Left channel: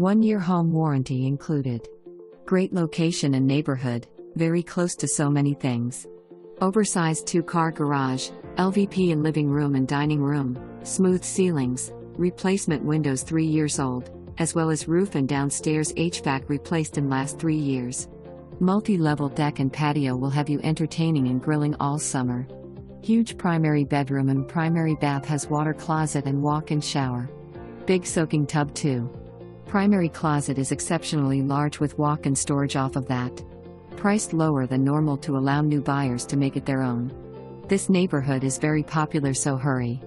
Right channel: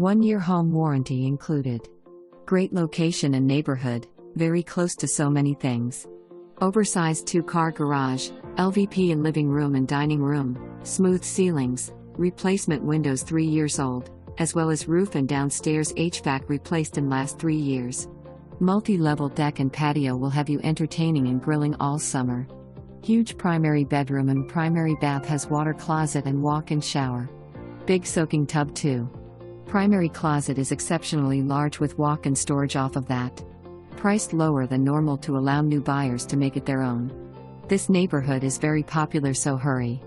1-year home warranty included. Great location and neighborhood, very close to so many things. Oversized 2-car garage, LVP in living room and dining room, smooth ceilings, replacement windows 3 years old, as well as roof and downstairs HVAC replaced in last 3 years. Multi-level deck and patio will have you entertaining and grilling all summer. Huge primary bedroom and primary bath has water closet and walk-in shower. Big soaking tub too. Primary closet is exceptionally large with walk-in storage off of that. Priced lower than normal to allow new buyers to make it their own. This neighborhood is very popular, so hurry.